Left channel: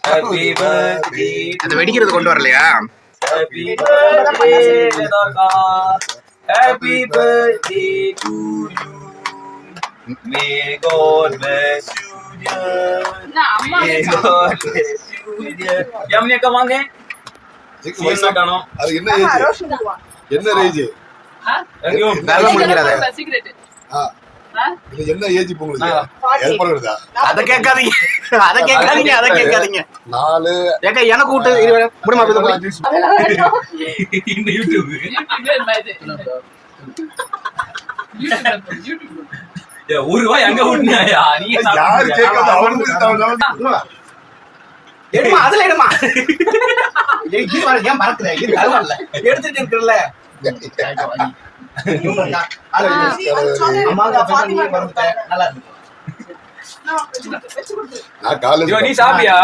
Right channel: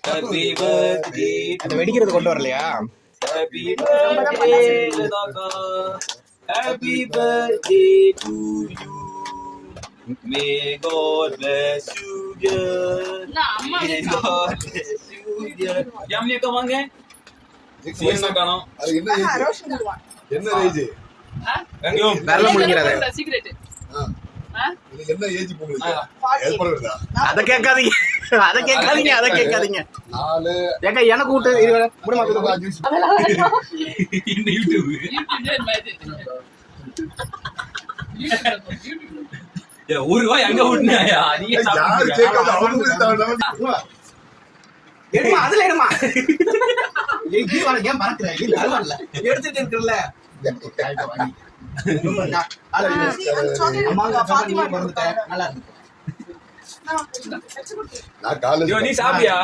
Happy birthday. அந்த வெடிக்கிறது கொண்டு வரலையா? Happy birthday Ledaka. Happy birthday to you. May God bless you dear. May God bless you dear. Yamne kamange? அது என்ன age? என்ன age? Secret. இது என்ன ஏஜ் இப்போ உங்களுக்கு? ஏற்படுறதா? அத கேட்காதீங்க. அத கேட்காதீங்க. 4 ஏங்க எனக்கு கூட்டு முடிமா இந்த யூடியூப். ஏ ரூபாய் அங்க விட்டுனியா? நீங்க யார் கேட்காத அவங்களுக்கு தான். எடுமா அதுல எடுமா. இது பாருங்க ஏன் மறக்குற? இது தரவல்ல. எடுத்துட்டு இருக்கறல. அம்மா பாத்திமா வந்துட்டேன். நல்லா இருக்கு. நான் காலேஜ் நீ சாப்பியா?